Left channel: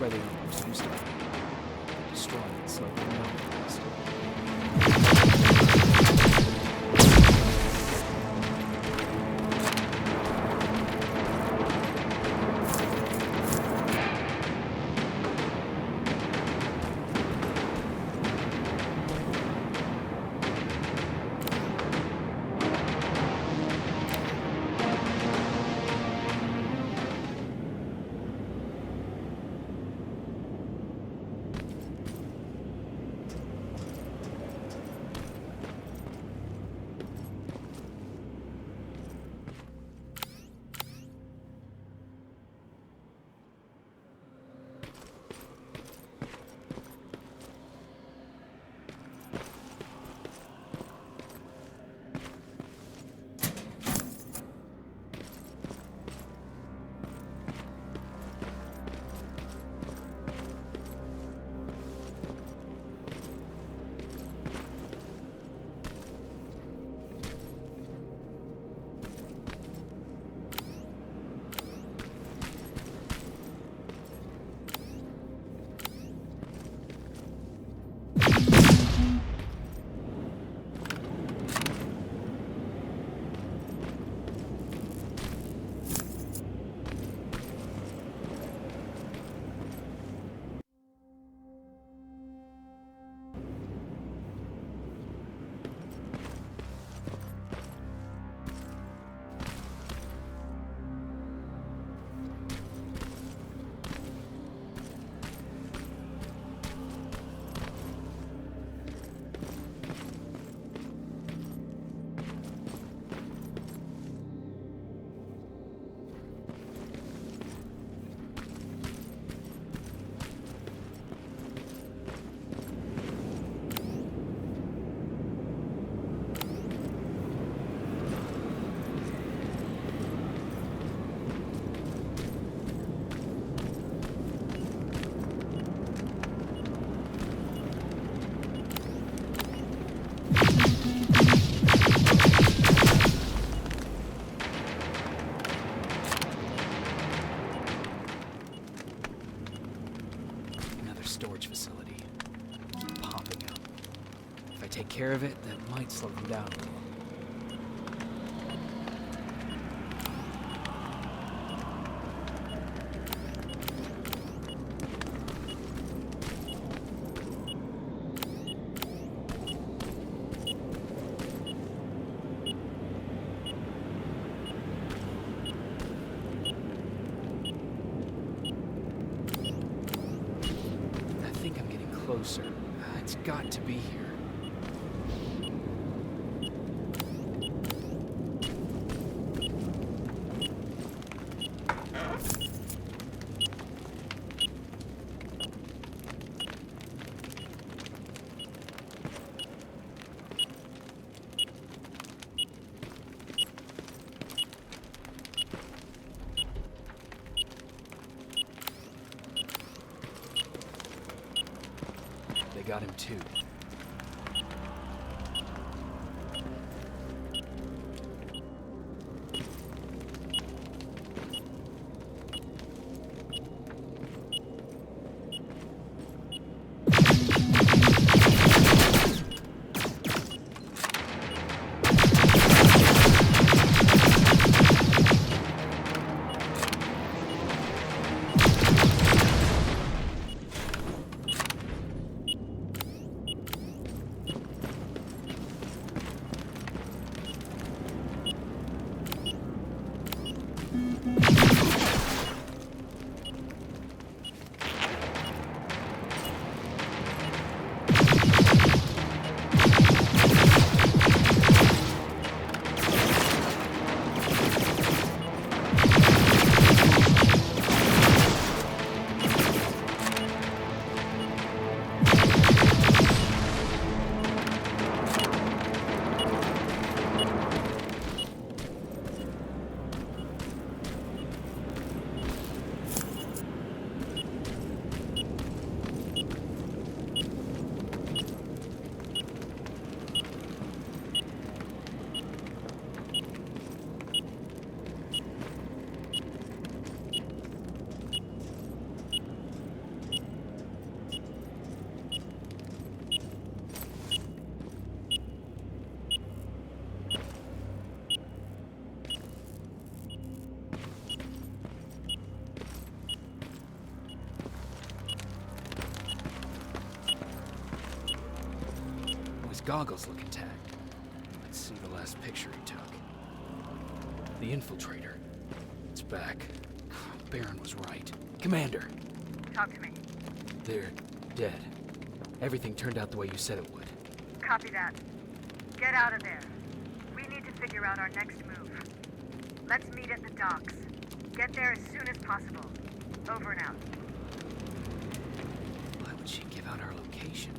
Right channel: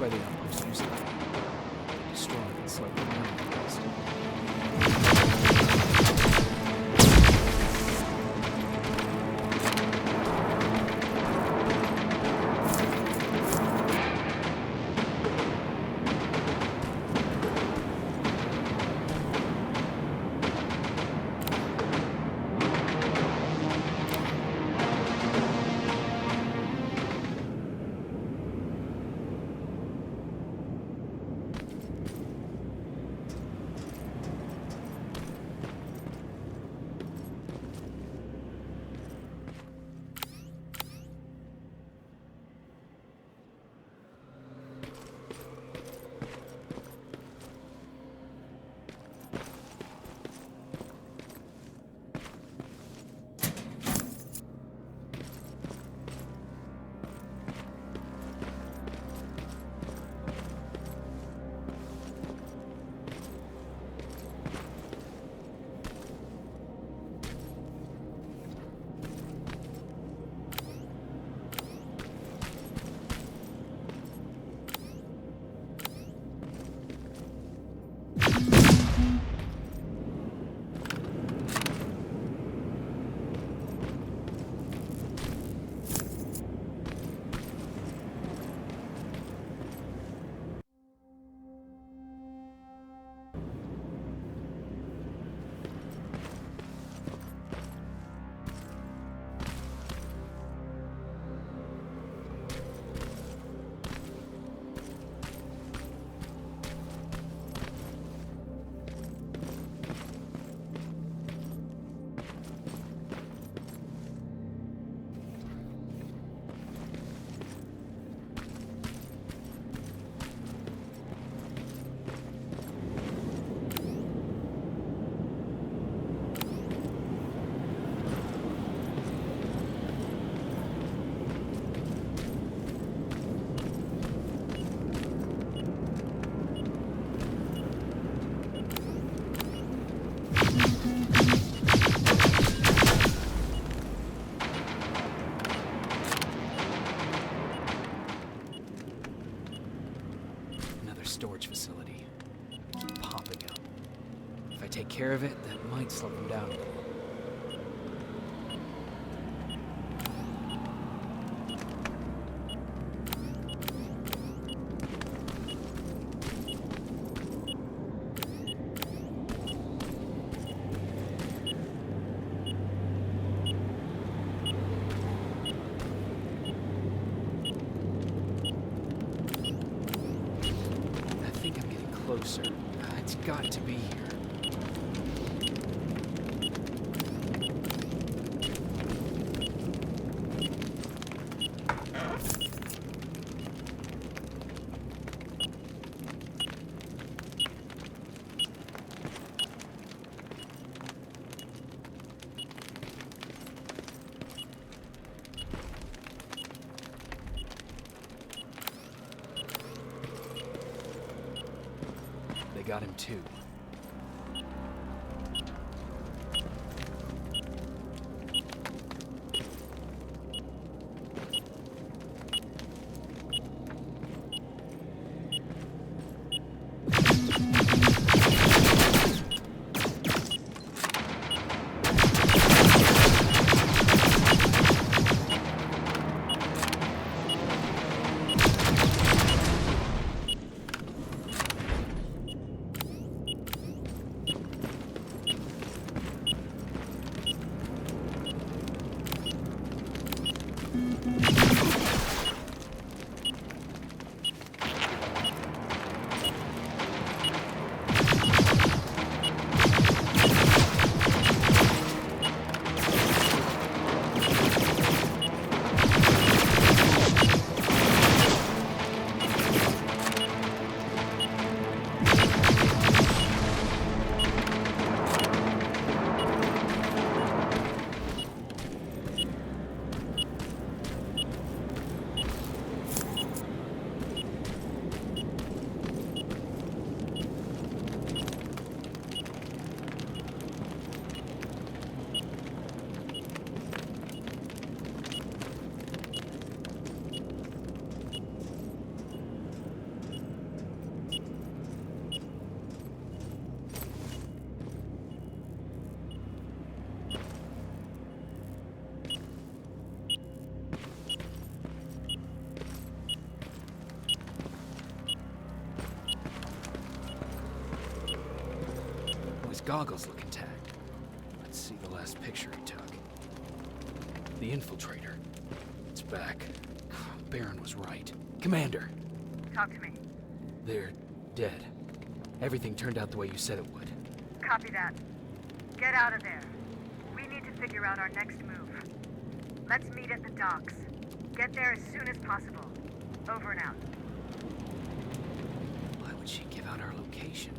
where the outpost used to be. They destroyed and slowed them down fast. Storage facility. Keep popping up. If I take care of it, that might slow them down a little. Closer. It's got to be here. They got him too. goggles look intact. Let's see the last picture he took. The infiltrator. It's back. Baron was right. Commander! Talk to me. They're dead. Everything turned out the way you said it would. Copy that. Get out of there. We need to figure out our next move. Let's meet at the docks. Get there as soon as possible. Over and out. Why would she give out our location?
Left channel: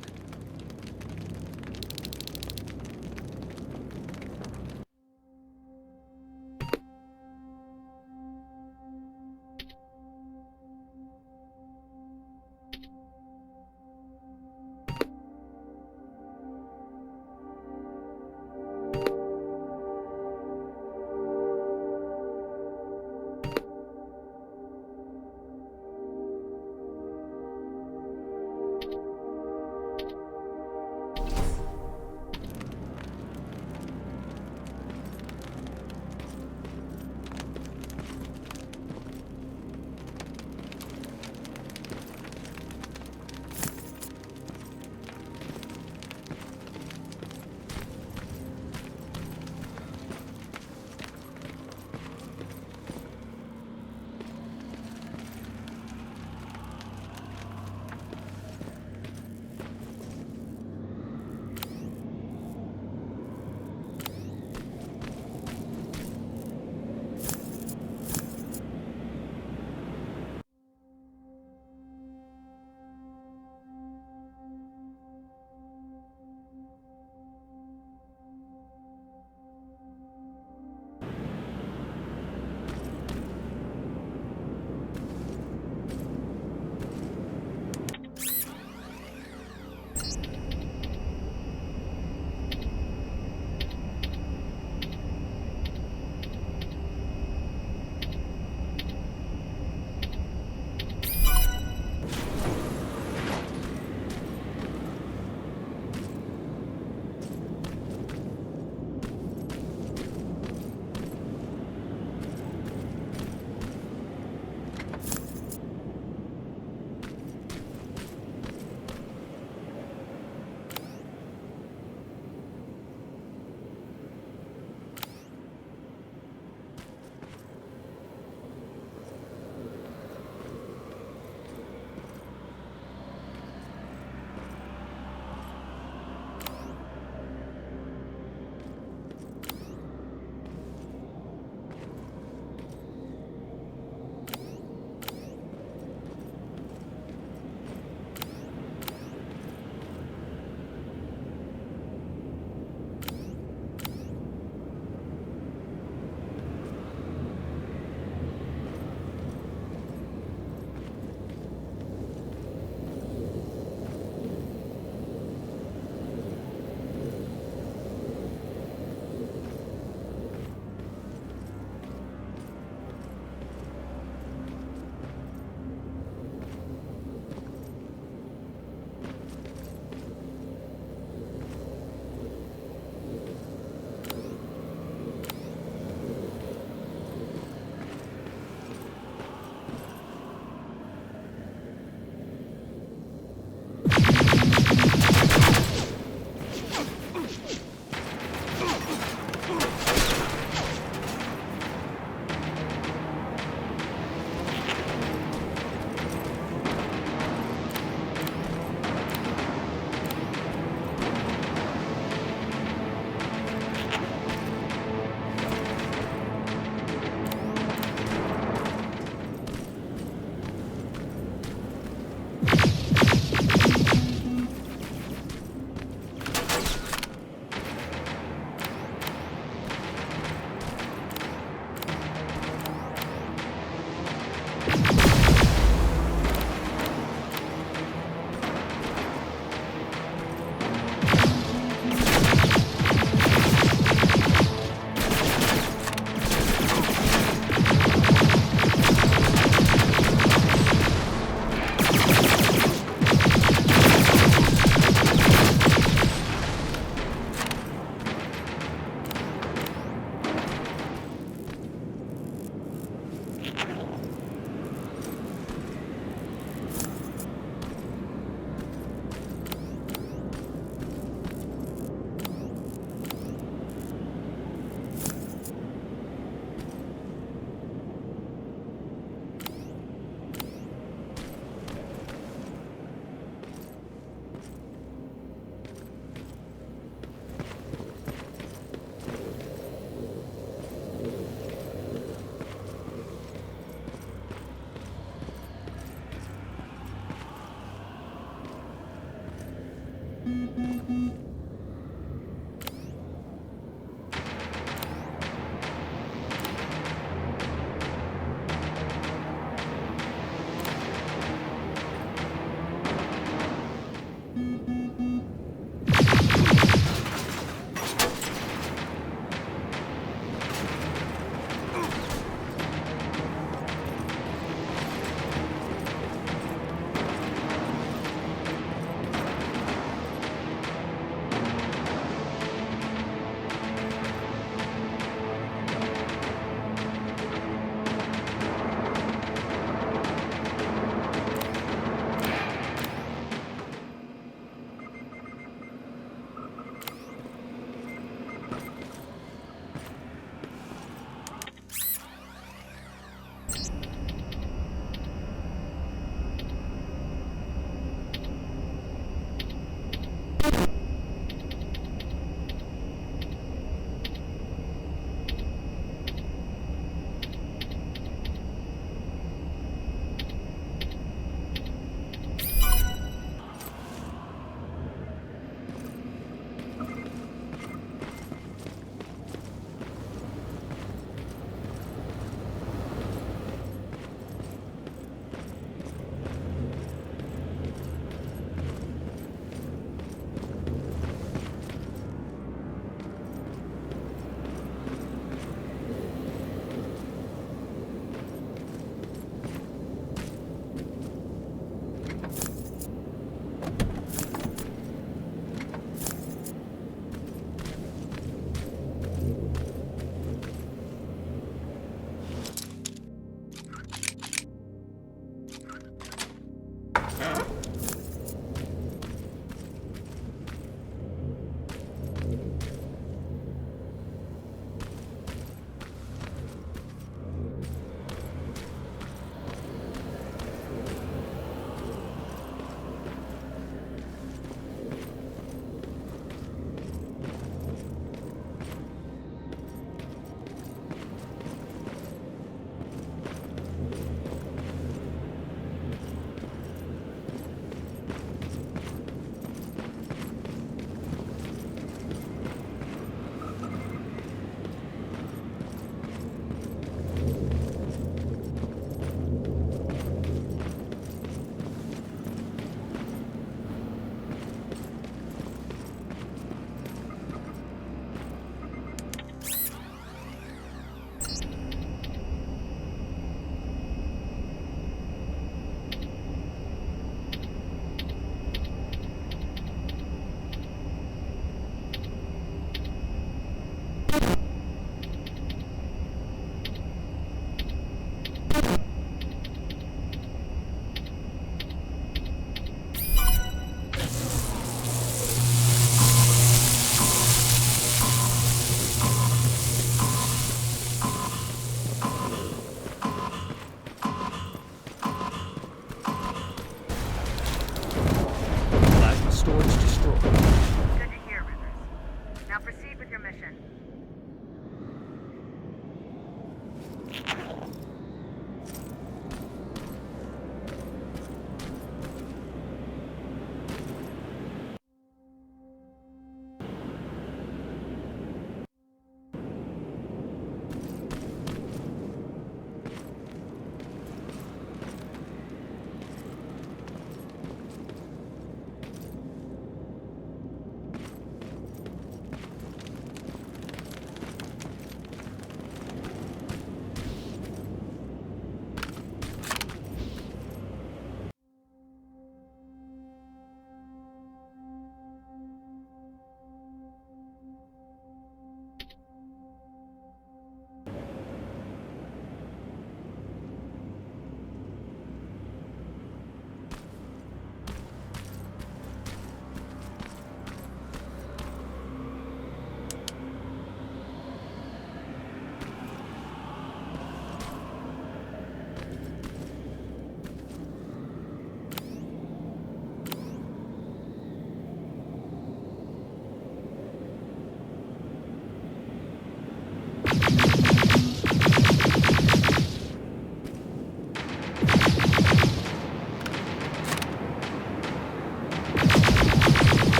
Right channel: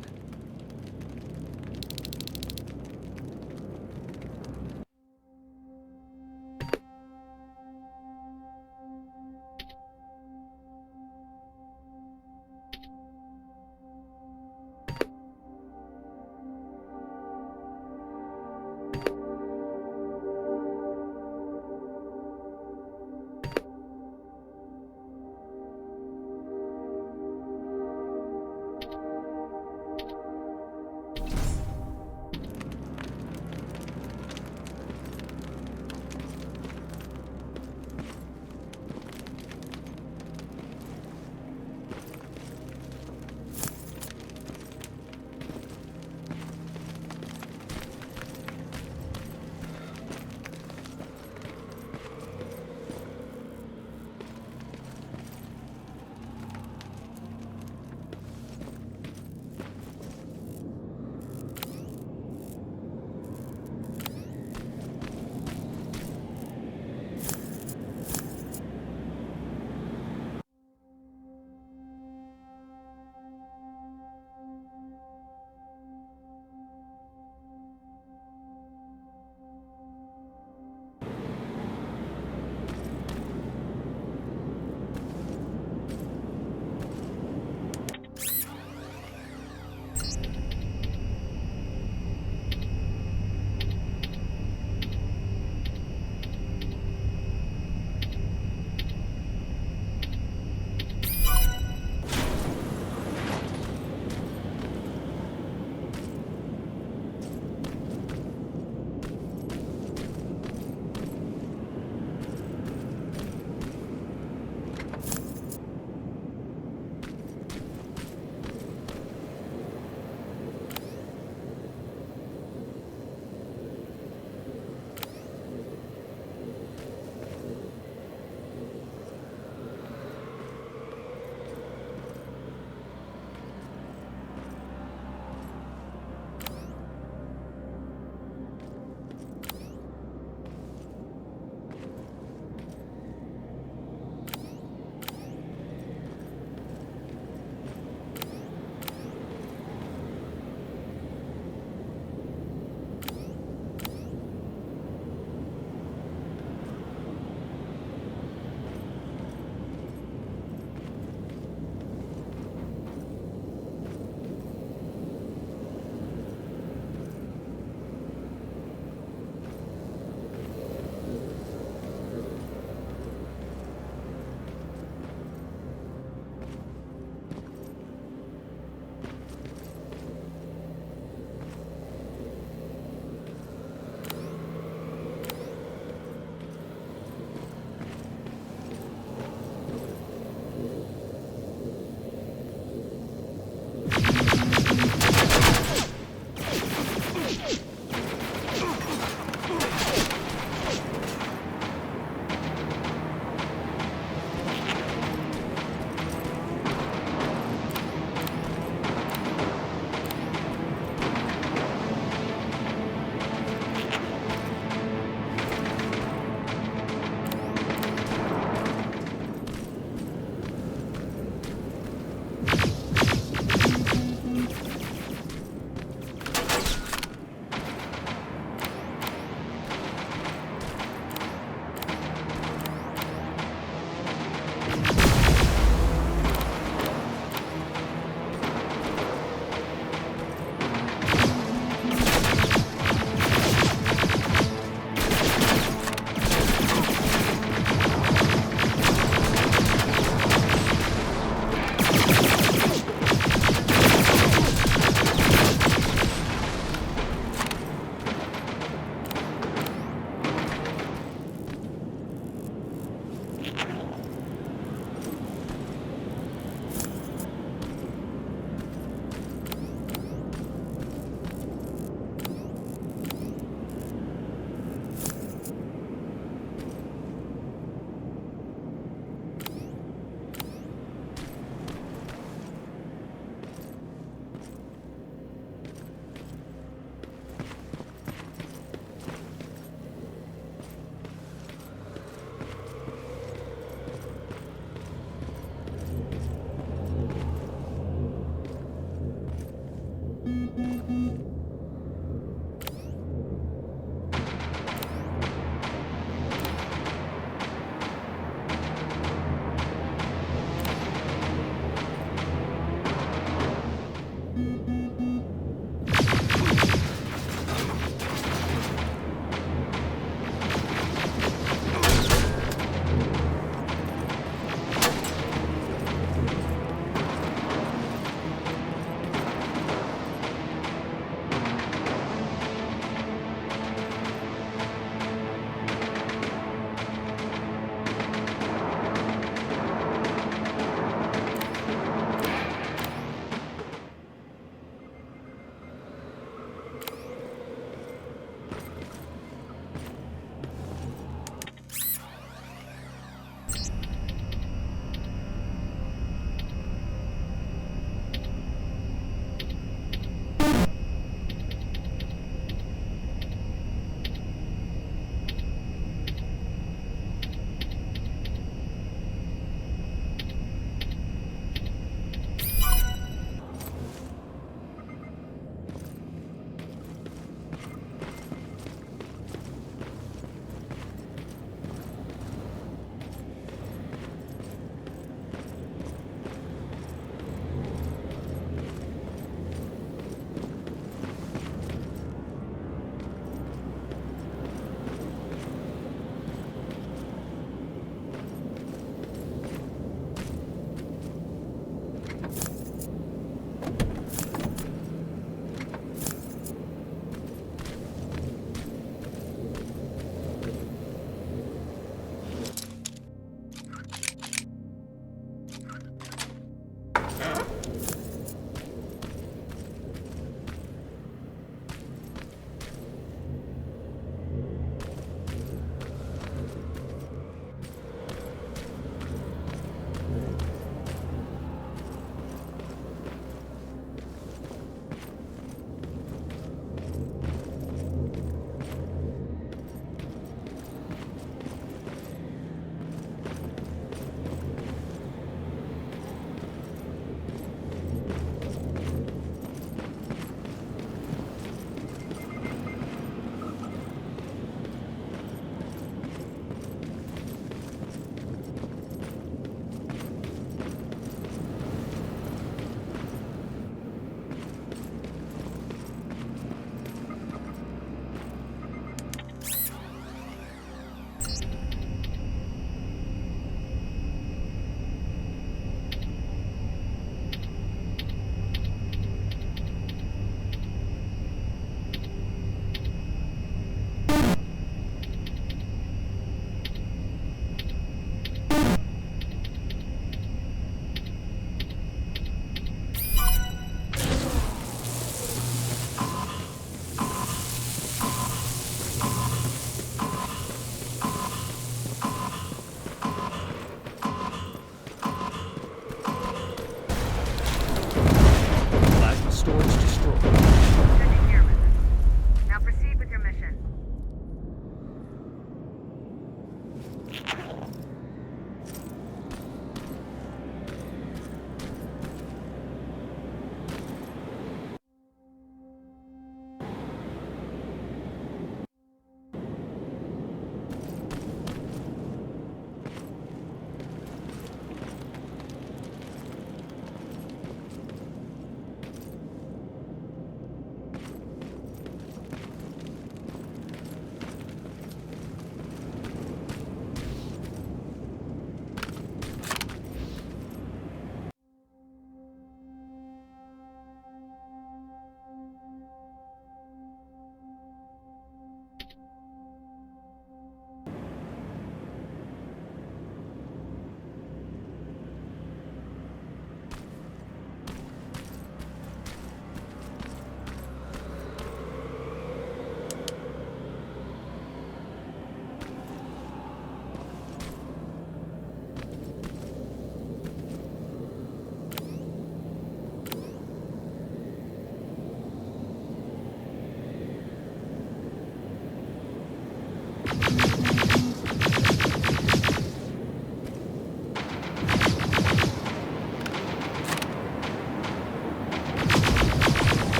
your mission.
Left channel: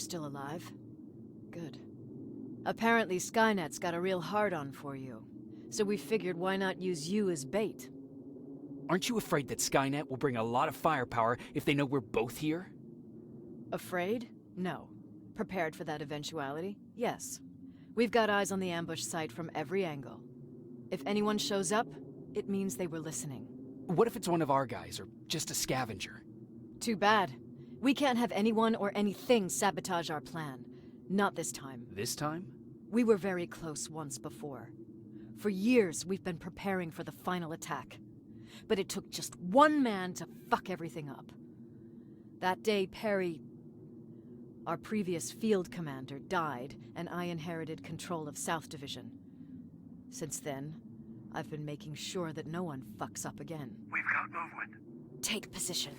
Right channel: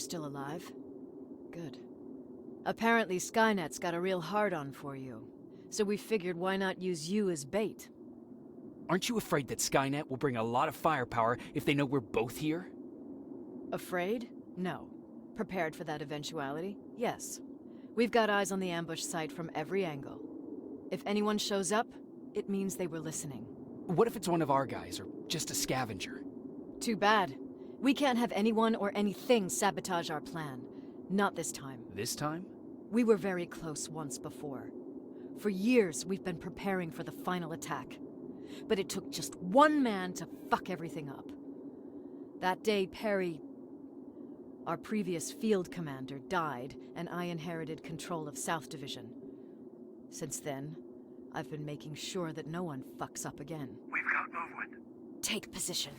still alive. Good. Apparently Skynet's got a real hard-on for you. So we figured why not use you as bait? Aren't you afraid that Skynet will bring a lot of firepower if they know we're both here? Afraid? No. Prepared for that eventuality? Yes. We've got eyes on the ambush site from every angle. If anyone shows up, it means they were listening. What if it's one of our guys, or just a scavenger? Too bad. We can't have anyone or anything sabotage our plan. Not this time. This time? We were very close once before. For years, we've been preparing for the final attack. But it took just one man to fuck everything up. That day, Perry, our previous field commander, died, and I inherited control of South Division. Since then, I've been making sure that no one fucks up again. We've got movement. Take position.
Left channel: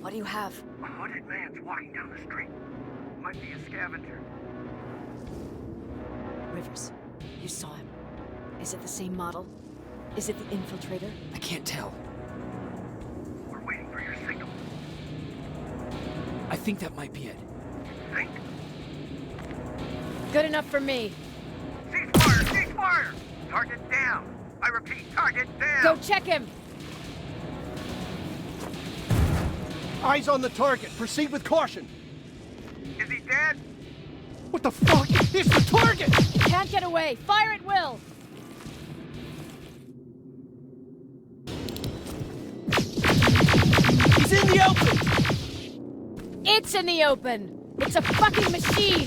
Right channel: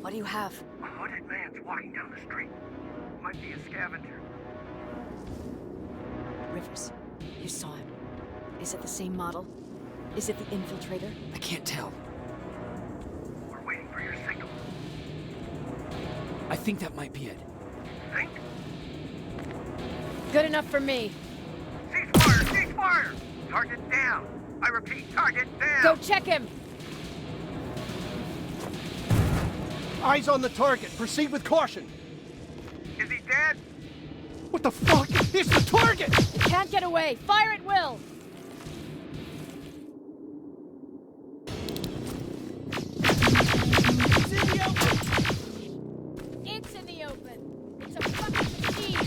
What do you have? A hooded man's walking down the street. Might be a scavenger. Rivers, you saw him. Is it the same model? Is it the infiltrator? I can't tell. We're waiting for your signal. I think that might be it. Think? Good enough for me. Cease fire! Cease fire! Target down! I repeat, target down! Go check him! Eyes on the target. Proceed with caution. Is he dead? What the fuck? It's the target! It can't get away. Fire at will! He's in the open! It's in the open! It's a fucking machine!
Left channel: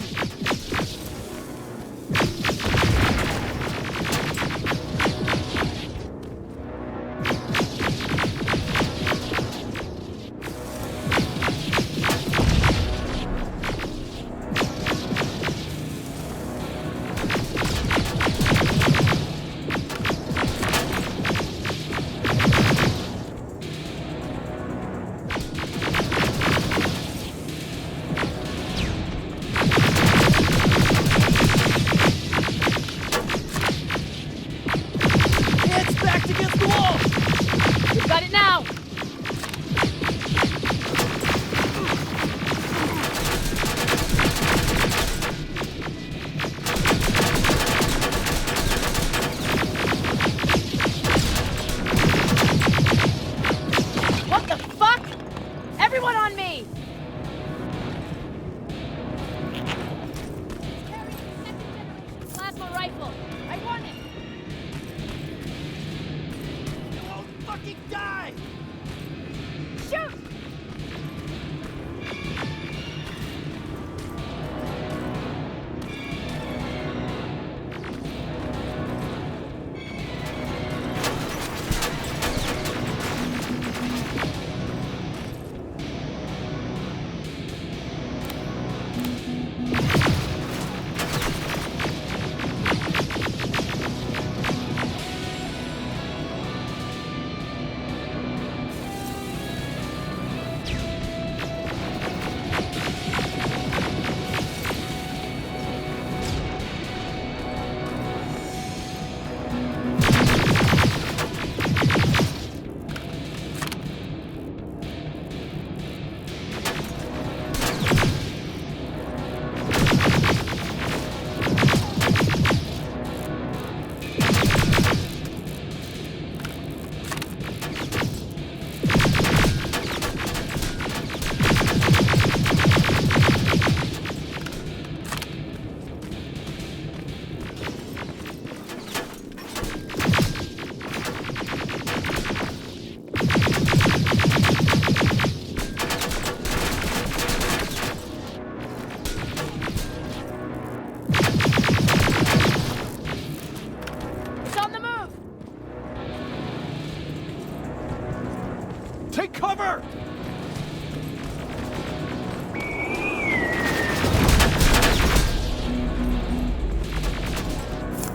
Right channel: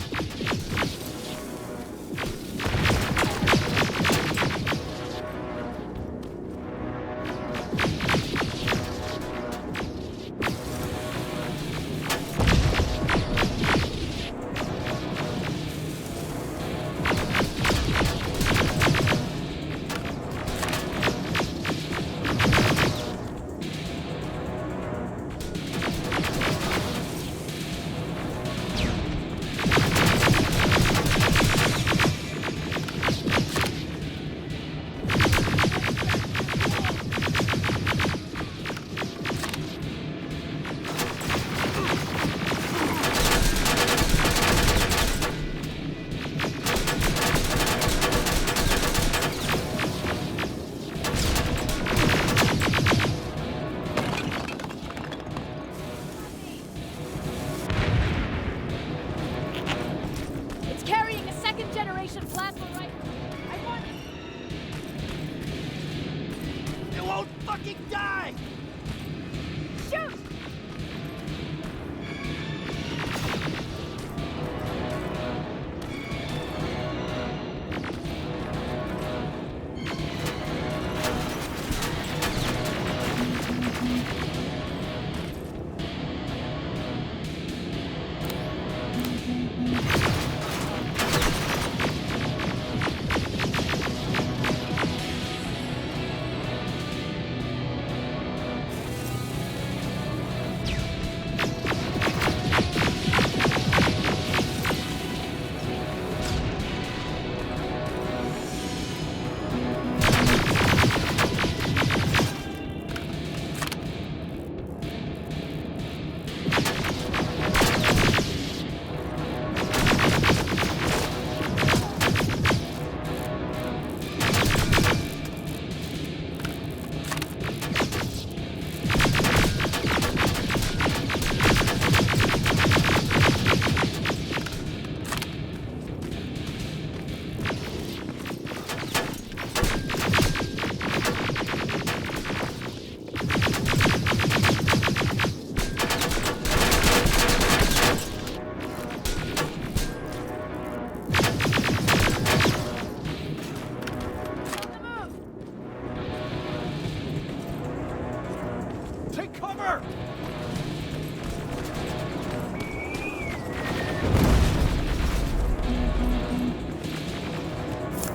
Take cover!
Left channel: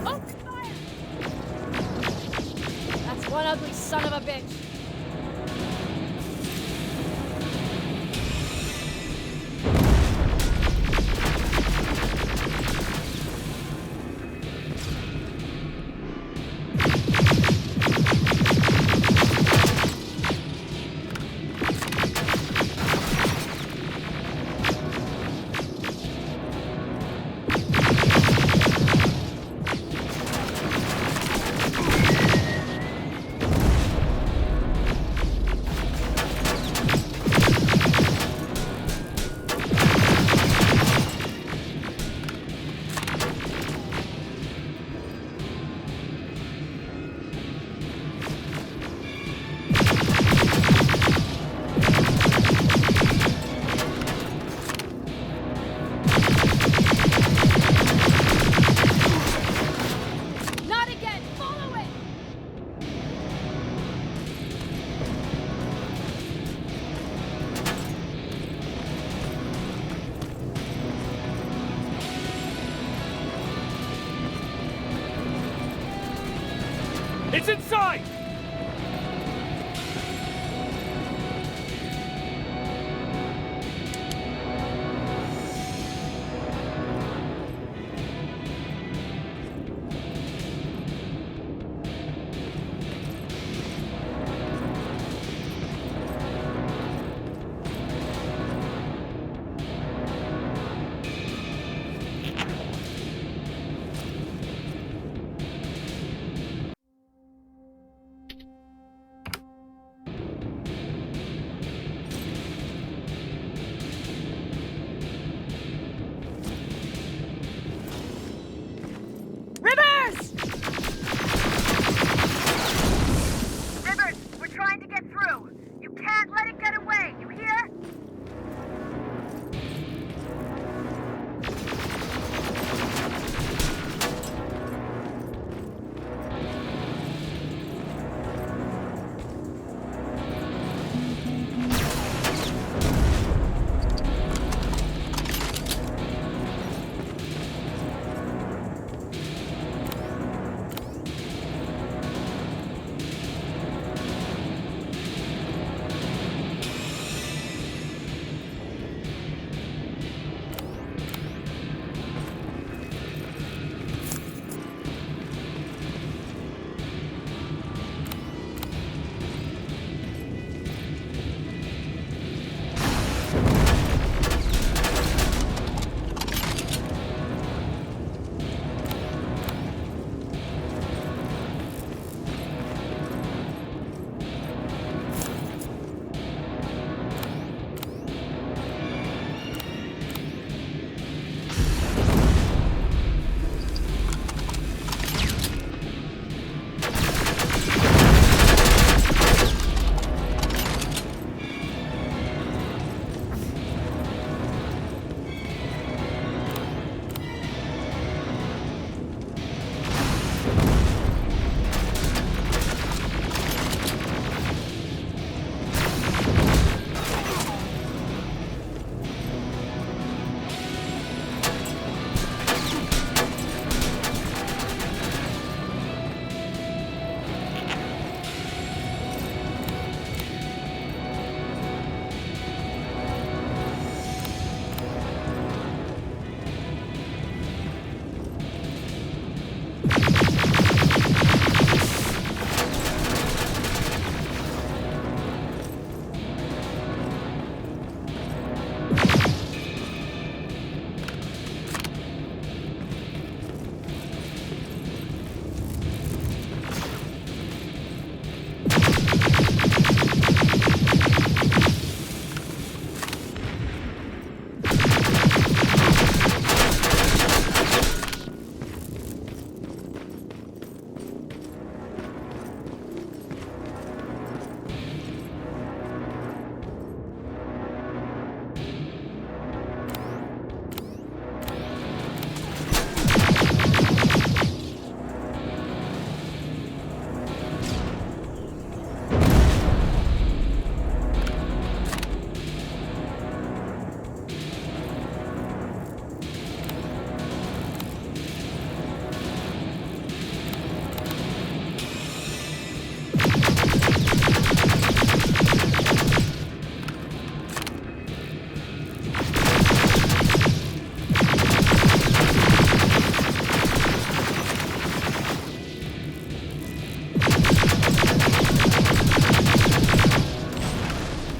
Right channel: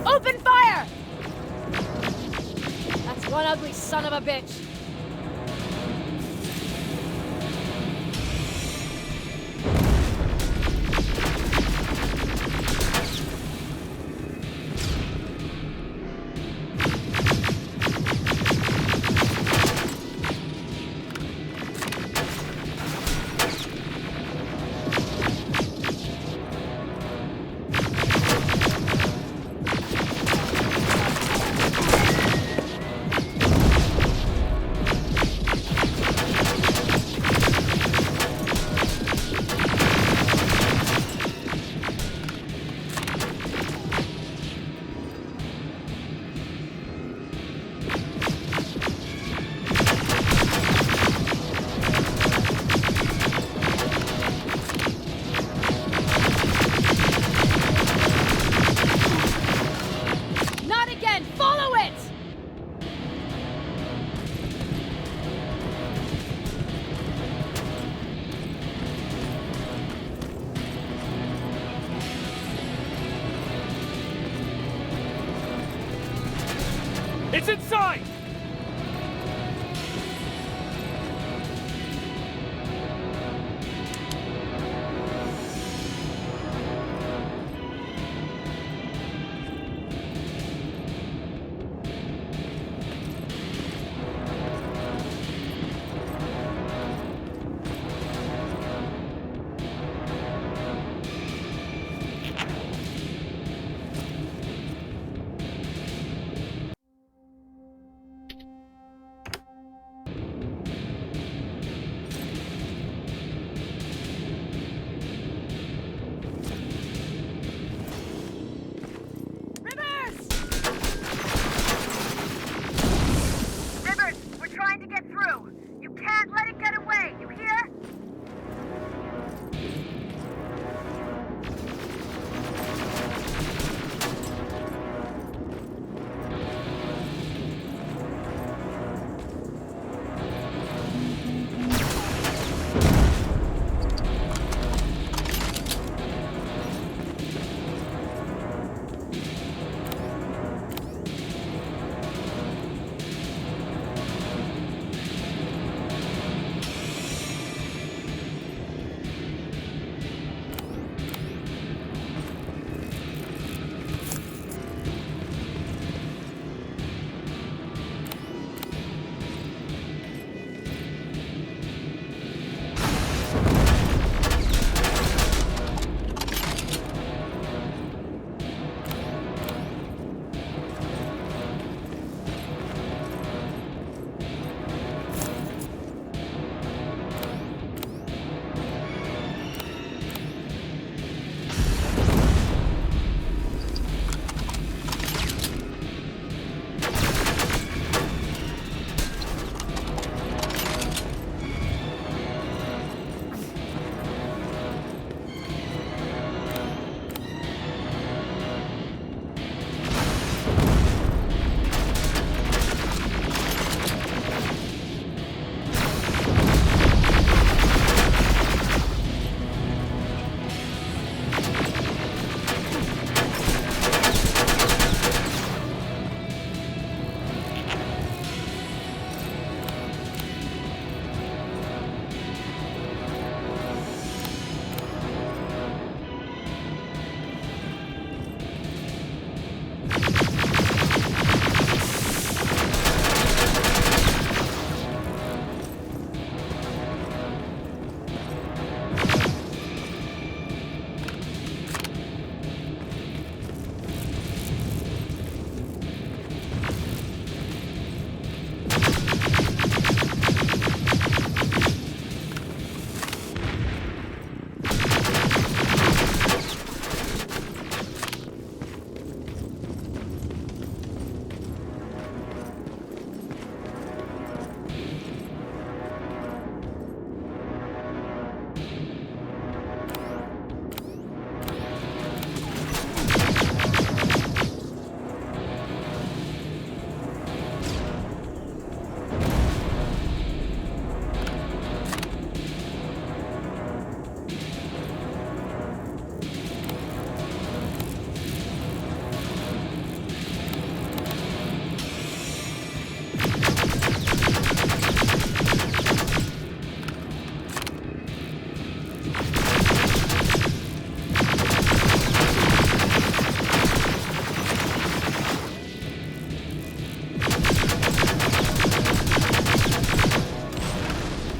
Open fire! That's one ugly son of a bitch. It's inside! Rivers, we're trying to get through. You can't let it get away, you hear?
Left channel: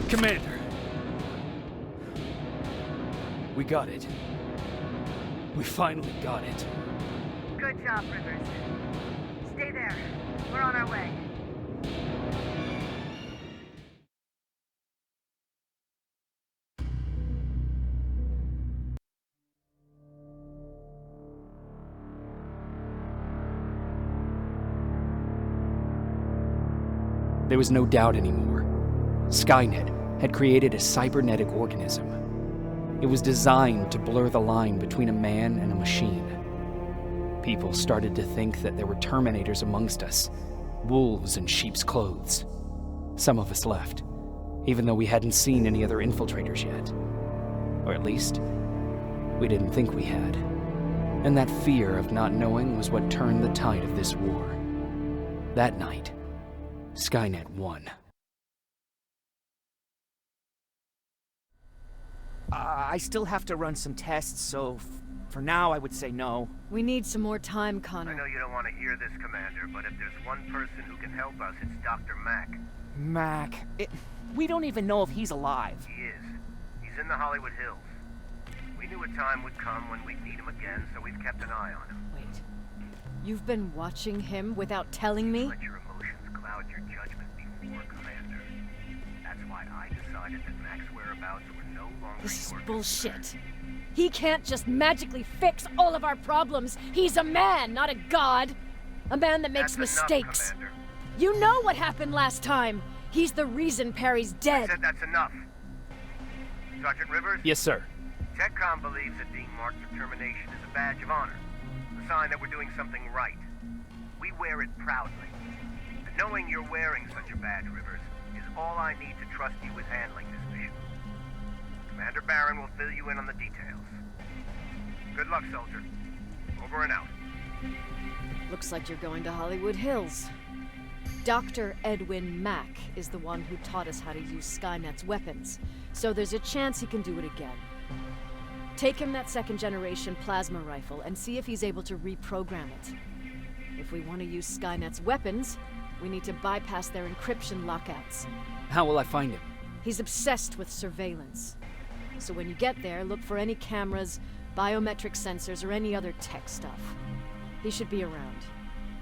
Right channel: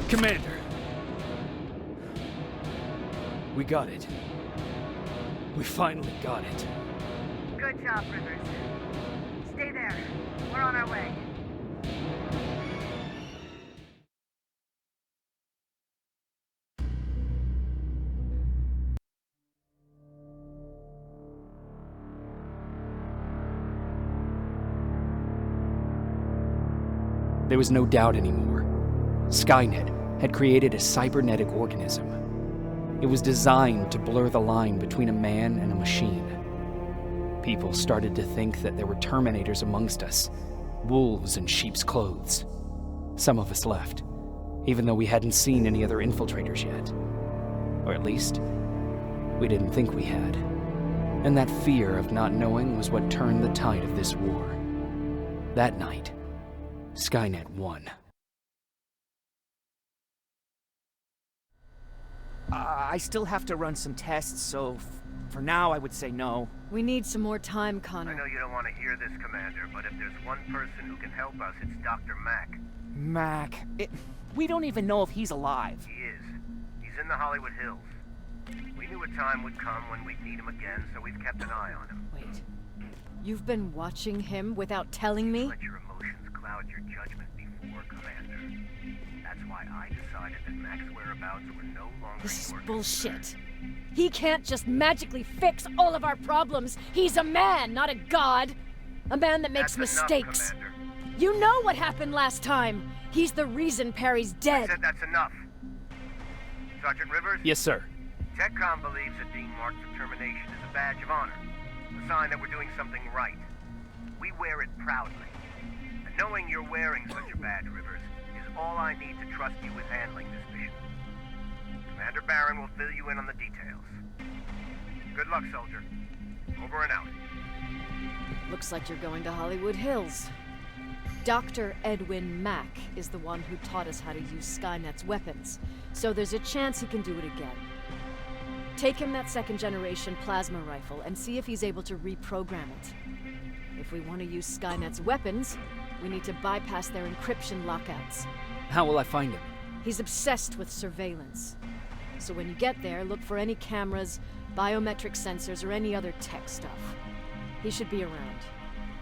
Commander! We got it. We finally got it. Good job, Rivers. Stay there. We're on our way. There was no doubt anymore. Skynet had created a cybernetic organism. It was designed to blur the line between a man and a machine. People started to think that there were Terminators amongst us, wolves in sheep's clothes. Some of us left, even though we hadn't seen any other infiltrators yet. Or at least, we didn't think we had. And that fear of not knowing was what turned the tide of this war. That night, Skynet won. I still have to run some tests, so for now I would say no. We need some more time, I Connor. know you don't want to hear this, Commander, but if there's one person who can help us, it's Dr. Mack. Mac, we don't even know if he's alive. He is. He's in the Hollywood Hills. We knew a time would come when we'd need him again, so we've kept an eye on him. Wait. You've been watching him without telling me? Let your emotions cloud your judgment before, Commander. That's why I decided that Mack's whereabouts were no longer This is your bullshit. concern. He can't just magically fix all of our problems. He's a man, not a god. A man that makes That's mistakes. Enough, Commander. You know what happened last time. He's the reason Perry's I dead. said that's enough. Sergeant Rivers? Yes, sir. TechCom believes that being marked for termination is a badge of honor, a sign that we're doing something right. We wear it proudly. And knowing you're wearing such a badge, Rivers, is all I need to trust you with handling this mission. Commander Barron will fill you in on the details. Good luck, soldier. Over and out. Looks like you're going to Hollywood Hills. Dr. Edwin Mack is the one who taught us how to use Skynet's weapons, so there's a chance he can do it again. Take him that second-generation plasma rifle and see if he's able to reprogram it. If we want to use Skynet's weapons, we need to bypass their encryption lockouts. How will I find him? He's obsessed with surveillance. So when you get there, look for any cameras, biometric sensors, or any other tech stuff. He should be around.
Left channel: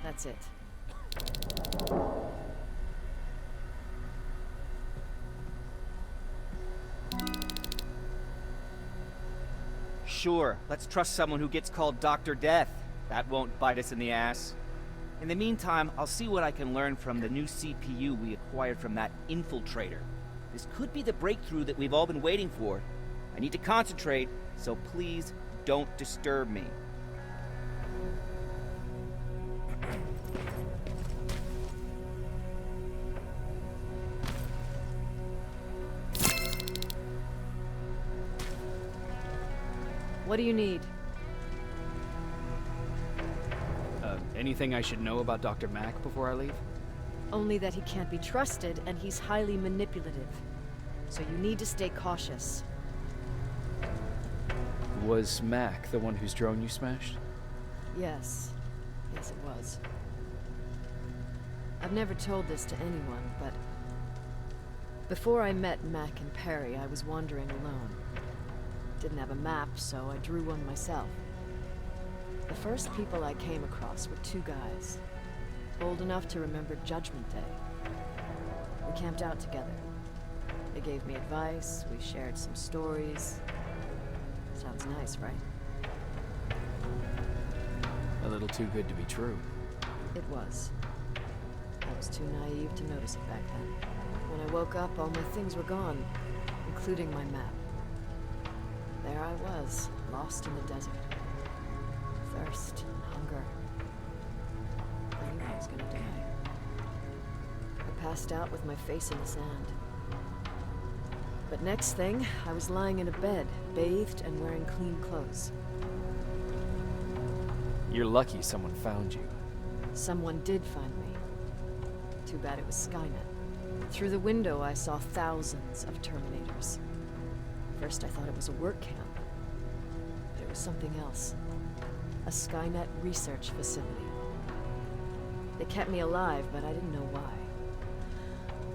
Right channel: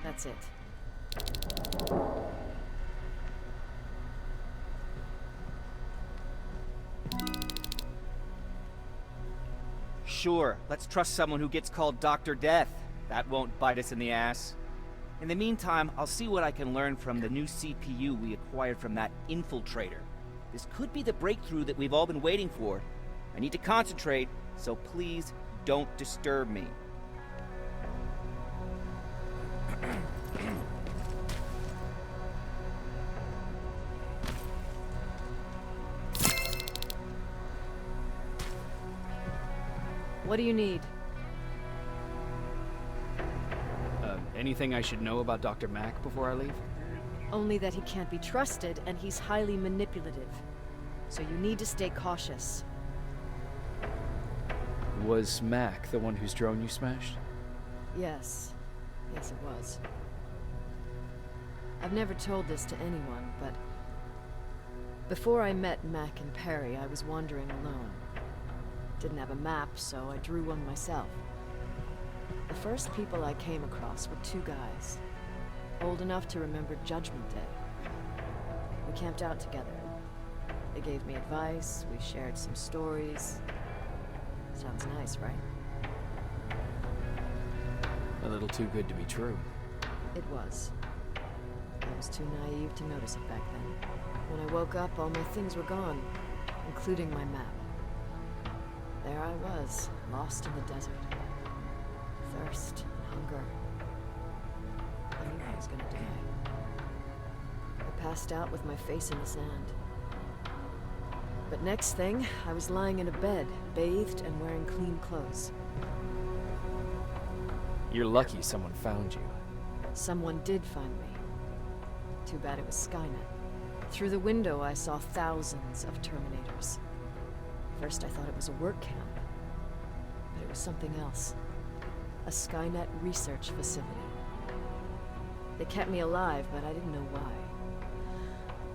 That's it. Sure, let's trust someone who gets called Dr. Death. That won't bite us in the ass. In the meantime, I'll see what I can learn from the new CPU we acquired from that infiltrator. This could be the breakthrough that we've all been waiting for. I need to concentrate, so please don't disturb me. What do you need? Anything I should know about Dr. Mack before I leave? Only that he can't be trusted and he's highly manipulative. So you need to stay cautious. Was Mack the one whose drone you smashed? Yes. Yes, it was. I've never told this to anyone, but before I met Mack and Perry, I was wandering alone. Didn't have a map, so I drew one myself. The first people I came across were two guys, old enough to remember Judgment Day. We camped out together. They gave me advice, we shared some stories. Sounds nice, right? A little too good to be true. It was. I was too naive to notice it back then. When I woke up, all my things were gone, including my map. There I was, lost in the desert. Thirst and hunger. I knew I was gonna die. I passed out with my face in the sand. But next thing, I was lying in a bed, bathed and wearing clean clothes. You're lucky someone found you. Someone did find me. Too bad it was Skynet. Through the window, I saw thousands of Terminators. First, I thought it was a work camp, but it was something else. A Skynet research facility. They kept me alive, but I didn't know why.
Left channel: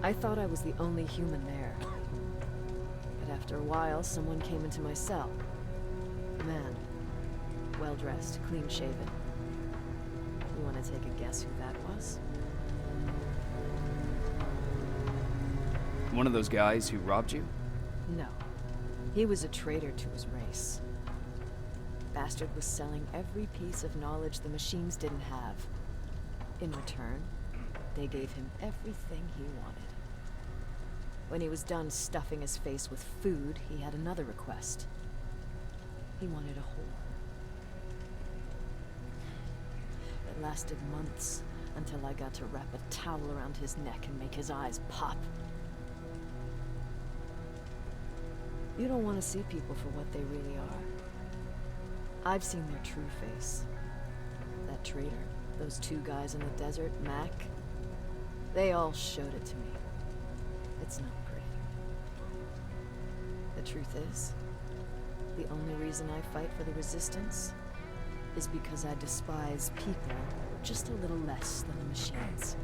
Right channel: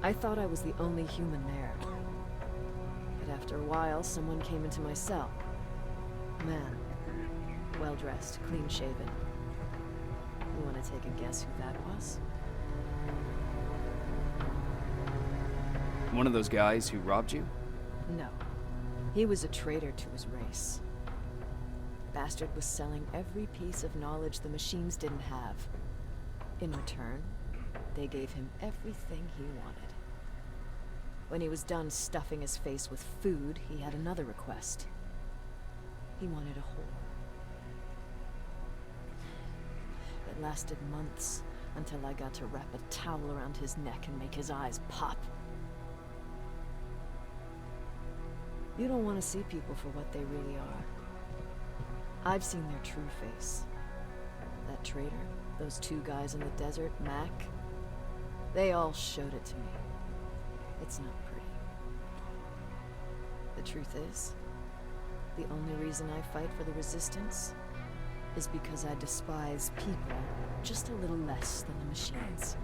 I thought I was the only human there. But after a while, someone came into my cell. A man. Well-dressed, clean-shaven. You want to take a guess who that was? One of those guys who robbed you? No. He was a traitor to his race. Bastard was selling every piece of knowledge the machines didn't have. In return, they gave him everything he wanted. When he was done stuffing his face with food, he had another request. He wanted a whore. It lasted months, until I got to wrap a towel around his neck and make his eyes pop. You don't want to see people for what they really are. I've seen their true face. That traitor, those two guys in the desert, Mac They all showed it to me. It's not pretty. The truth is, the only reason I fight for the Resistance is because I despise people just a little less than the machines.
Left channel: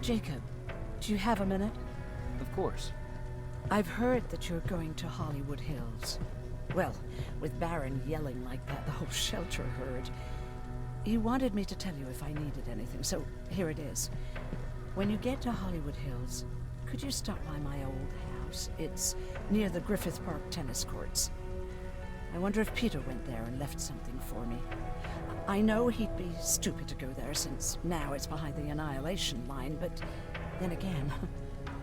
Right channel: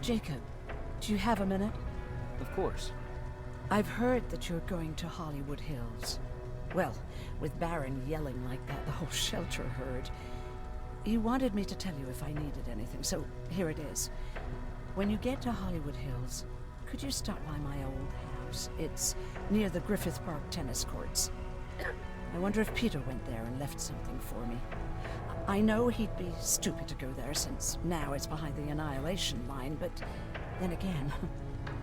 Jacob, do you have a minute? Of course. I've heard that you're going to Hollywood Hills. Well, with Baron yelling like that, the whole shelter heard. He wanted me to tell you if I needed anything, so here it is. When you get to Hollywood Hills, could you stop by my old house? It's near the Griffith Park tennis courts. I wonder if Peter went there and left something for me. I know he'd be stupid to go there since now it's behind the Annihilation line, but then again,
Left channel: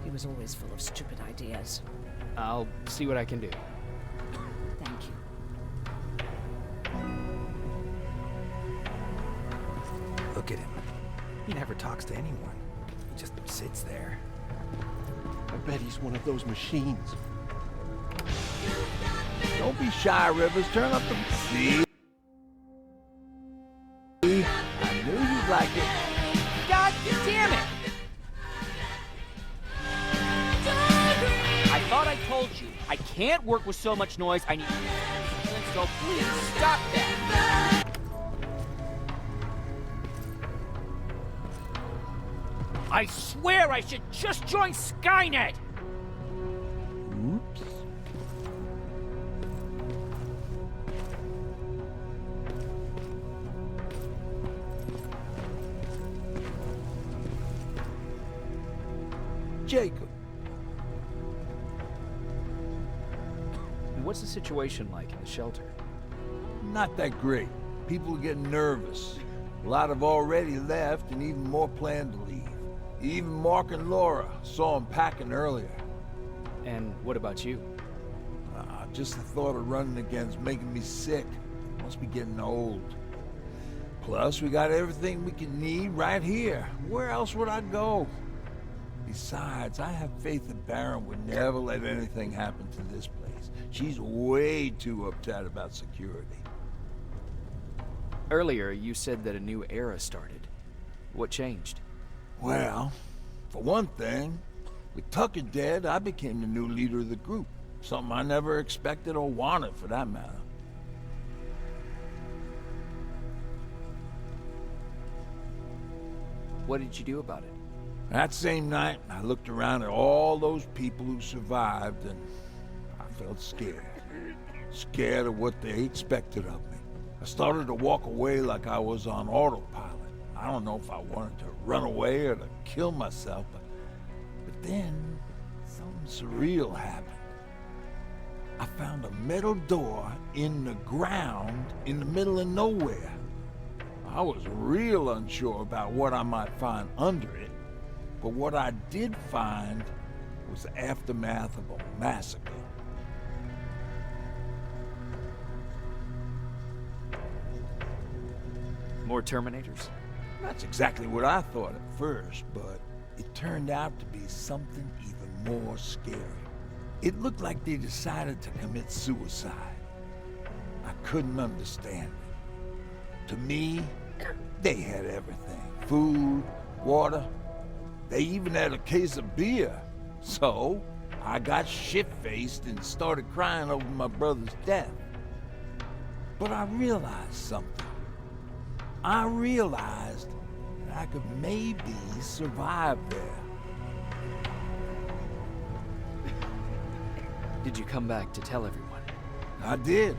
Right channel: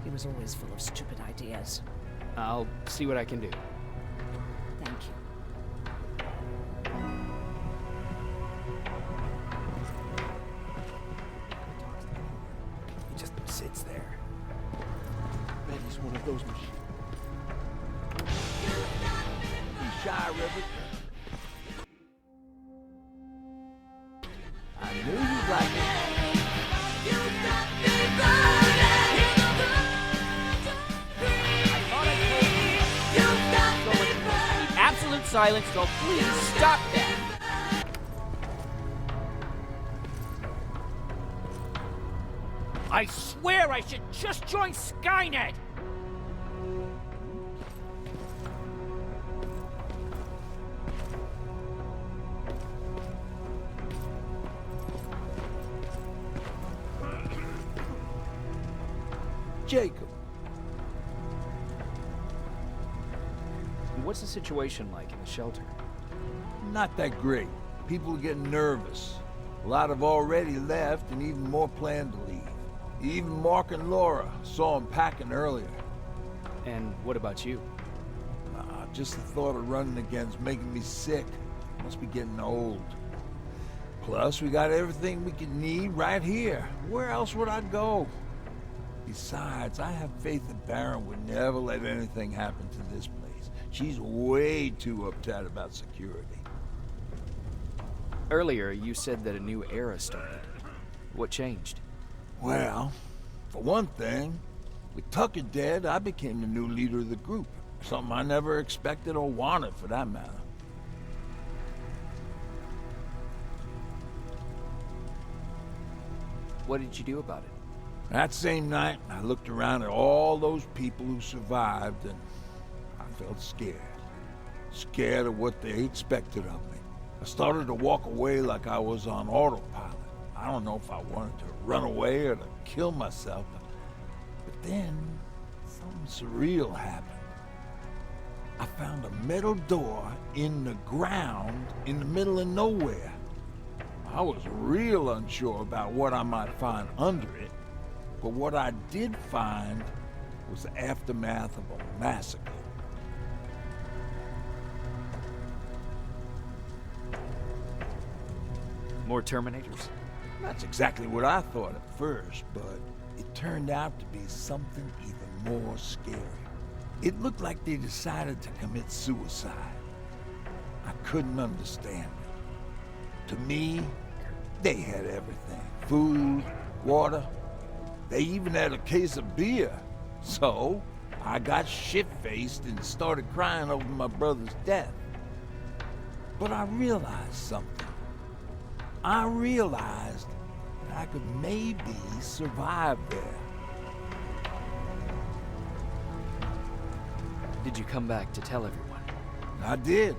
he was always full of stupid ideas. I'll see what I can do. Thank you. Look at him. He never talks to anyone. He just sits there. I bet he's one of those machines. Don't be shy, Rivers. Turn up the... See? I knew you'd like it. God damn it! I thought I told you, I can't work with so much noise. I need absolute silence, so please stop that! I swear I should just join Skynet! Oops. Jacob. What's the situation like in the shelter? Not that great. People are getting nervous. A lot have already left, and even more plan to leave. Even Mark and Laura saw them packing earlier. And what about you? Just the thought of running again's making me sick. Must be getting old. Plus, we got everything we could need right here. Where else would I go? Besides, I have faith that Baron would never let anything happen to this place. She's way too uptight about security. Earlier, you said that a new era started. What changed? Well, for one thing, with Tucker dead, I became the new leader of the group. Something I never expected or wanted, for that matter. What did you do about it? That same night, I looked around at all those people who survived, and I felt scared. Scared of what they expected of me. I started to walk away like I was on autopilot. I don't know if I wanted to run away or to kill myself, but then something surreal happened. I found a metal door in the ground in the middle of nowhere. I was real unsure about what I might find under it, but what I did find was the aftermath of a massacre. More Terminators? That's exactly what I thought at first, but it turned out to be something even more scary. It looked like they decided to commit suicide. I couldn't understand it. To me, they had everything. Food, water. They even had a case of beer. So, I got shit-faced and started crying over my brother's death. But I realized something. I realized that I could maybe survive there. Did you come back to tell everyone? I did.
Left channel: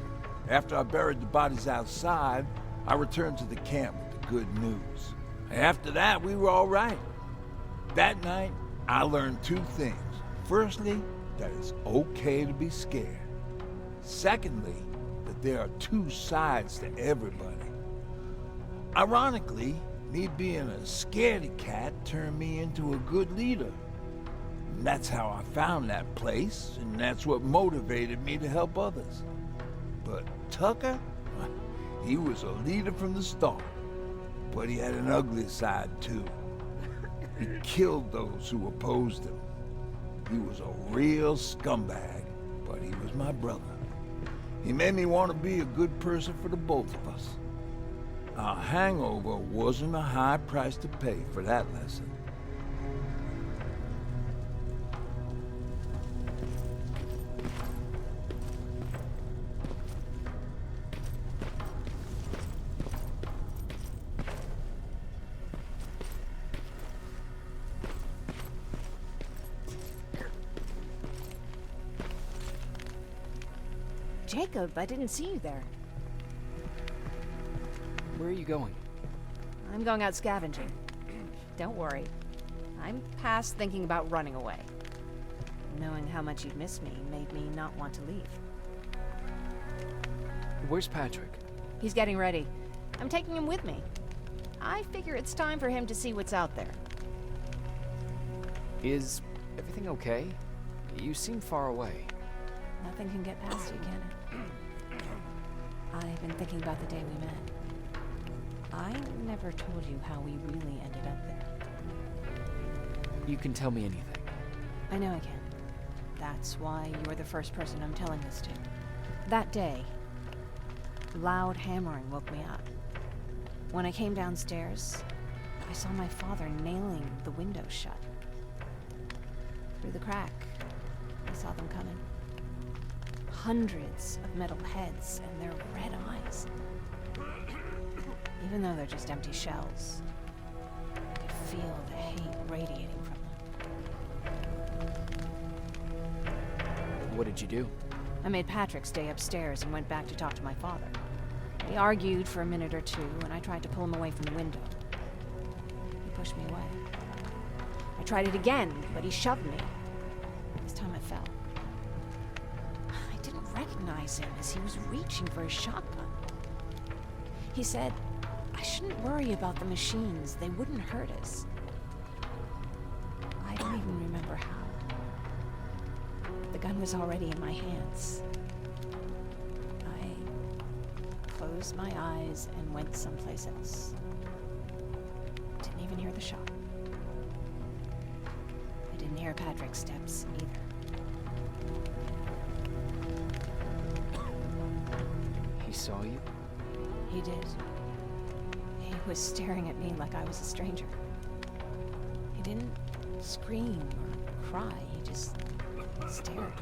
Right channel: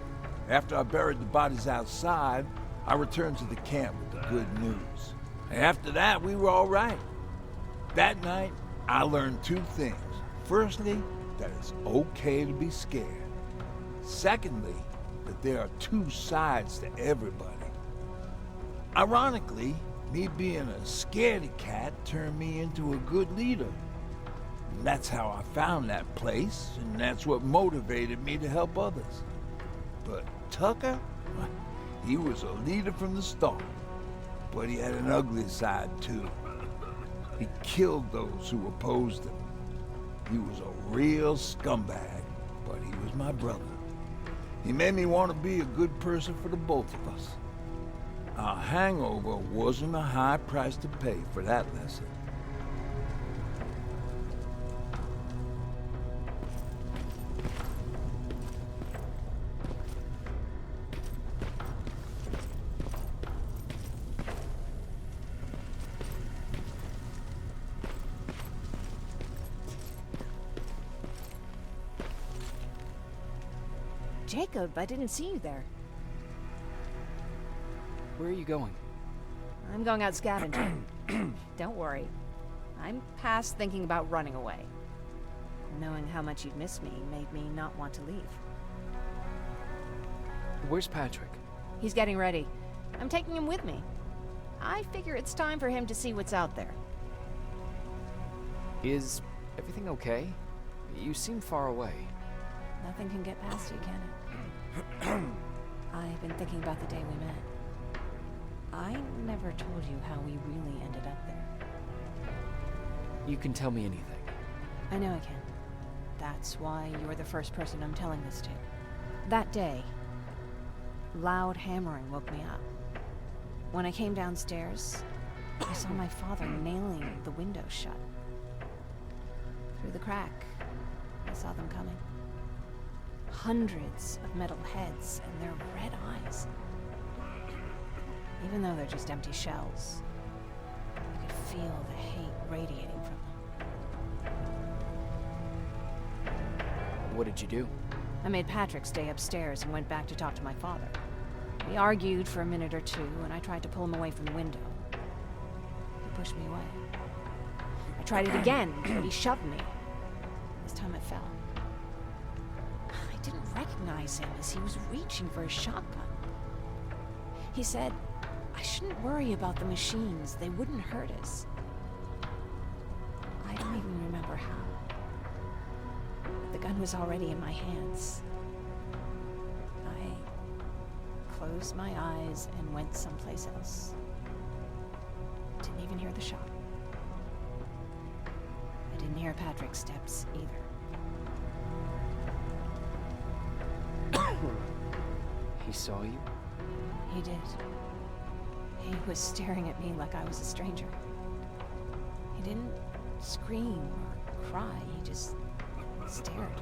After I buried the bodies outside, I returned to the camp with the good news. After that, we were all right. That night, I learned two things. Firstly, that it's okay to be scared. Secondly, that there are two sides to everybody. Ironically, me being a scaredy cat turned me into a good leader. And that's how I found that place, and that's what motivated me to help others. But Tucker, he was a leader from the start. But he had an ugly side, too. He killed those who opposed him. He was a real scumbag, but he was my brother. He made me want to be a good person for the both of us. A hangover wasn't a high price to pay for that lesson. Jacob, I didn't see you there. Where are you going? I'm going out scavenging. Don't worry. I'm past thinking about running away. Knowing how much you'd miss me made me not want to leave. Where's Patrick? He's getting ready. I'm taking him with me. I figure it's time for him to see what's out there. Is everything okay? You seem far away. Nothing can get past you, can it? I've been thinking about the day we met. I never told you how we really ended up there. You can tell me anything. I know I can. That's why you're the first person I'm telling this to. That day, loud hammering woke me up. When I came downstairs, I saw my father nailing the window shut. Through the crack, I saw them coming. Hundreds of metal heads and their red eyes. Even though they're just empty shells, I could feel the hate radiating from them. What did you do? I made Patrick stay upstairs and went back to talk to my father. We argued for a minute or two, and I tried to pull him away from the window. He pushed me away. I tried it again, but he shoved me. This time I fell. I didn't recognize him as he was reaching for his shotgun. He said, I shouldn't worry about the machines. They wouldn't hurt us. I don't even remember how. But the gun was already in my hands. I closed my eyes and went someplace else. Didn't even hear the shot. I didn't hear Patrick's steps either. He saw you? He did. He was staring at me like I was a stranger. He didn't scream or cry, he just stared.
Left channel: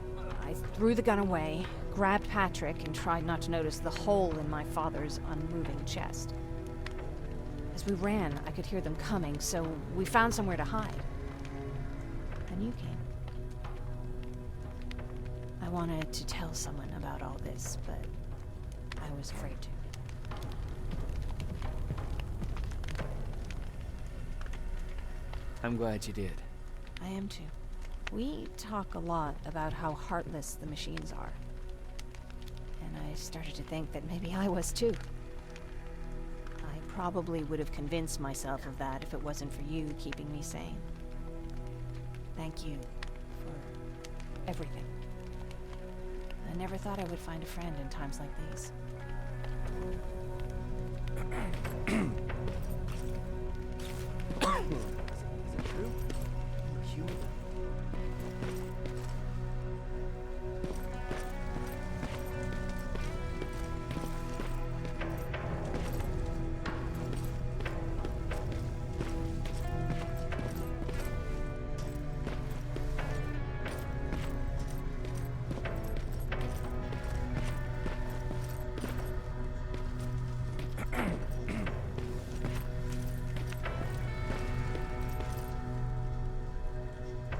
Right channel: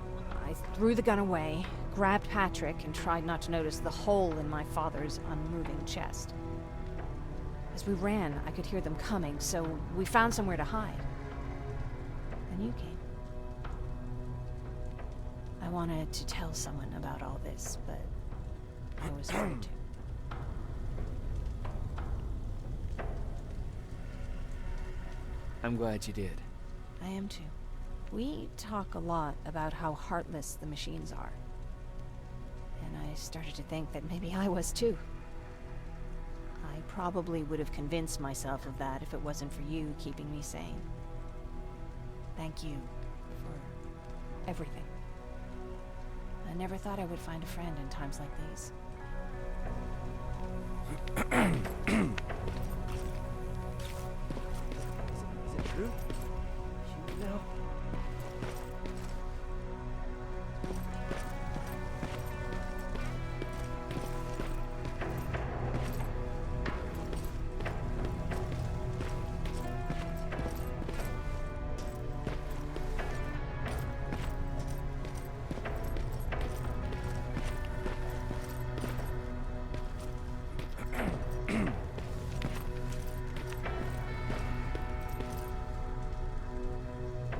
I threw the gun away, grabbed Patrick, and tried not to notice the hole in my father's unmoving chest. As we ran, I could hear them coming, so we found somewhere to hide. Then you came. I wanted to tell someone about all this, but I was afraid to. I'm glad you did. I am too. We talk a lot about how heartless the machines are. And I started to think that maybe I was too. I probably would have convinced myself of that if it wasn't for you keeping me sane. Thank you for everything. I never thought I would find a friend in times like these. Is it true? We're human now?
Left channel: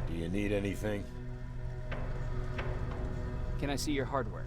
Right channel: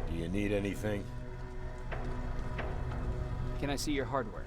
Do you need anything? Can I see your hardware?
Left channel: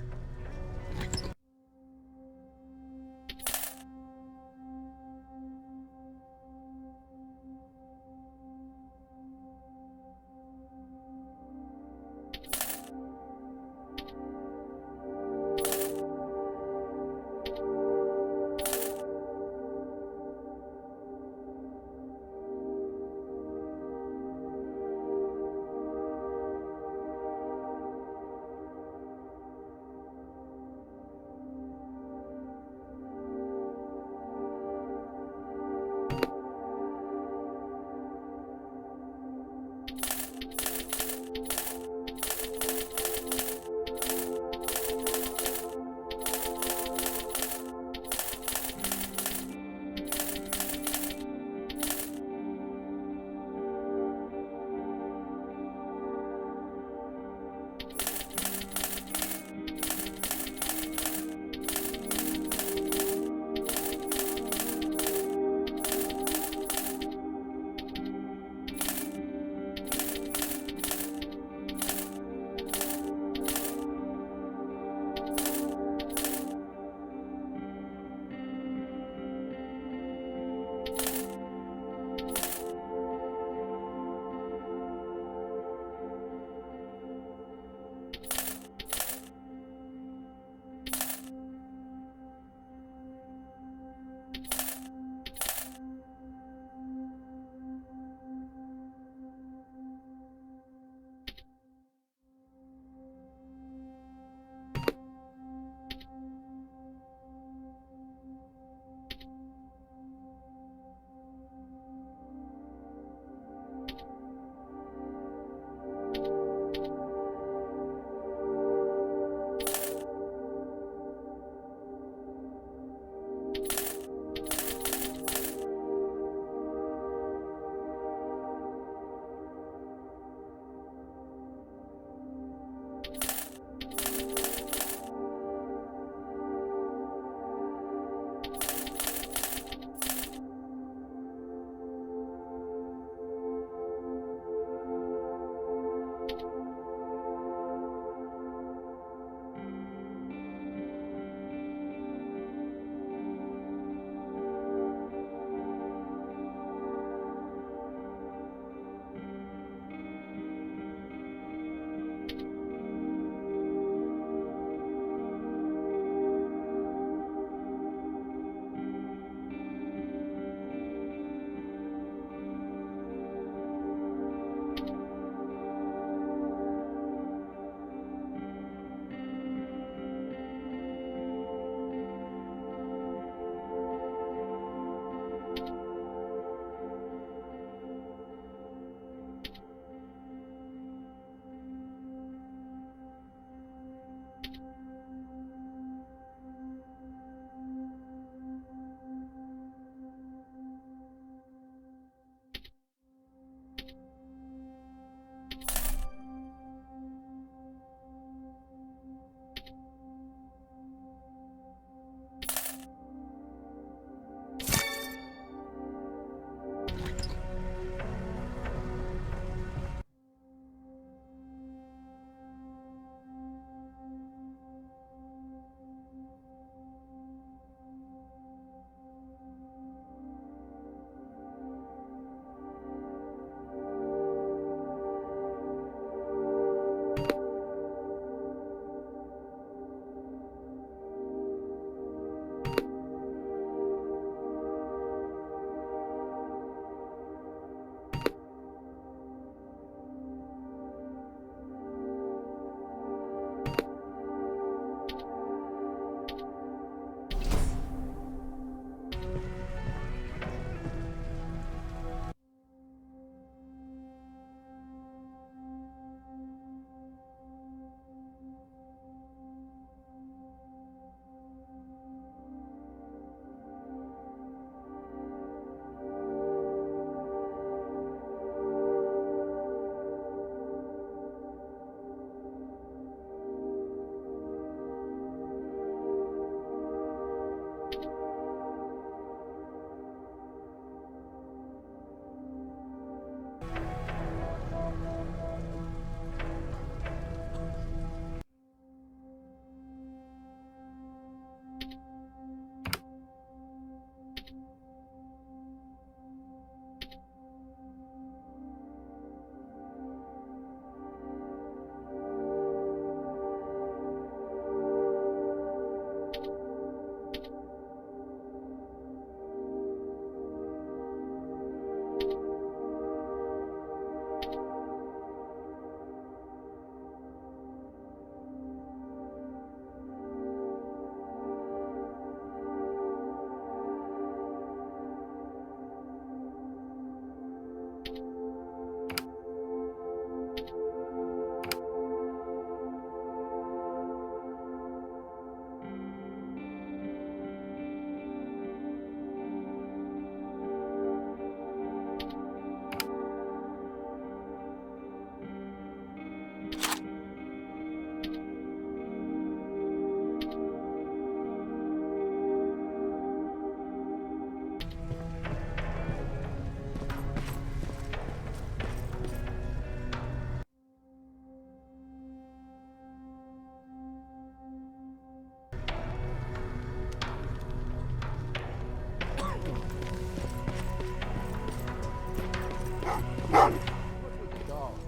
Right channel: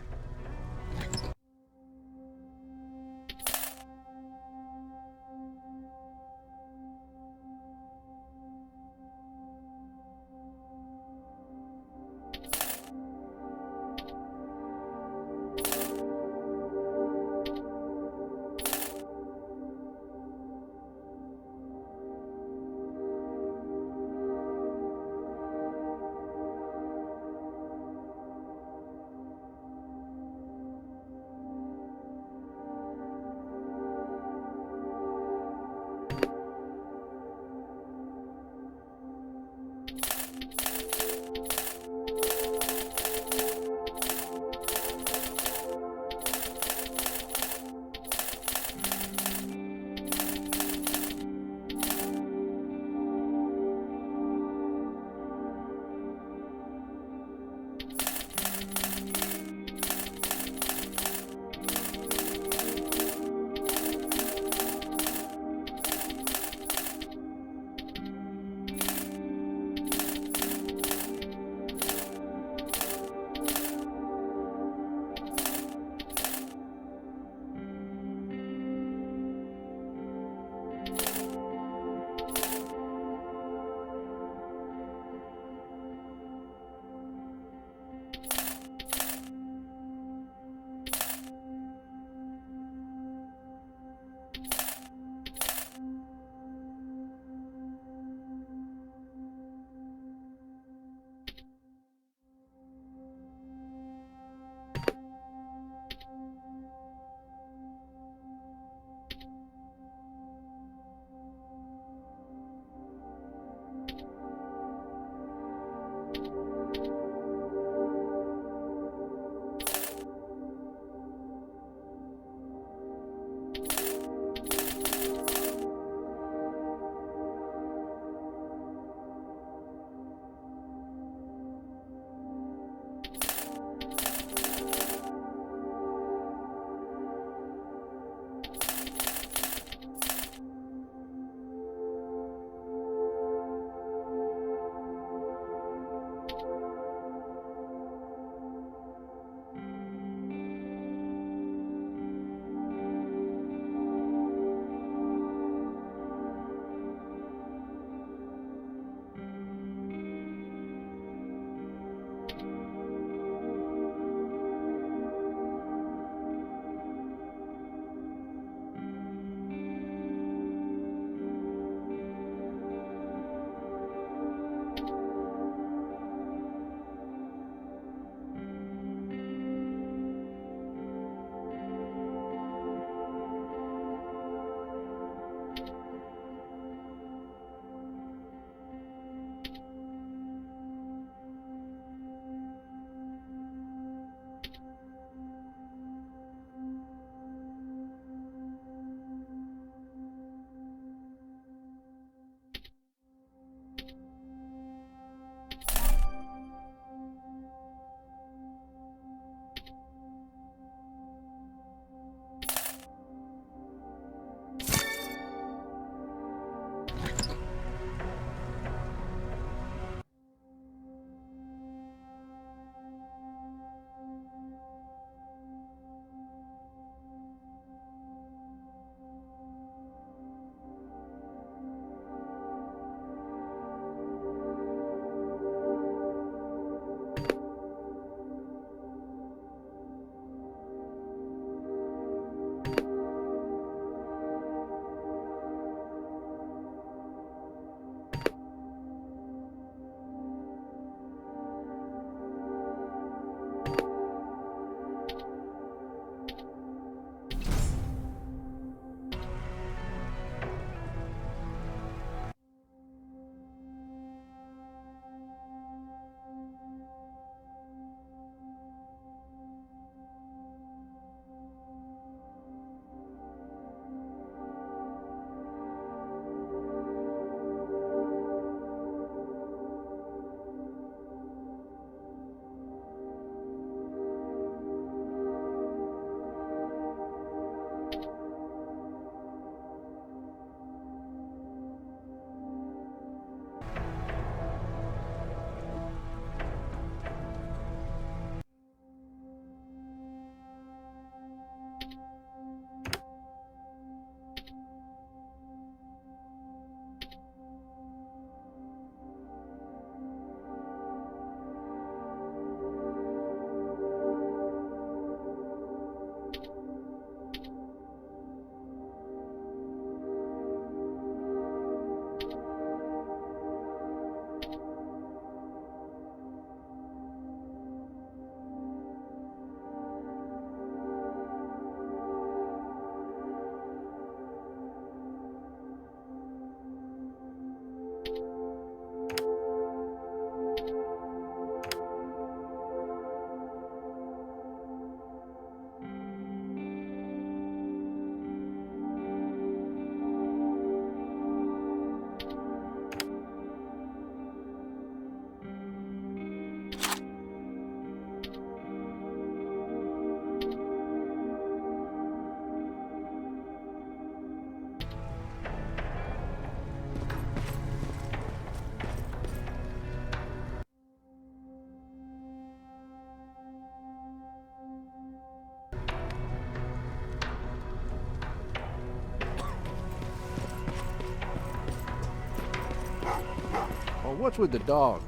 what's with the dogs?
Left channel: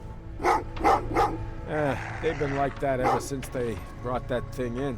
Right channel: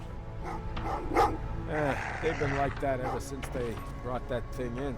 They've been like that ever since they brought that thing in.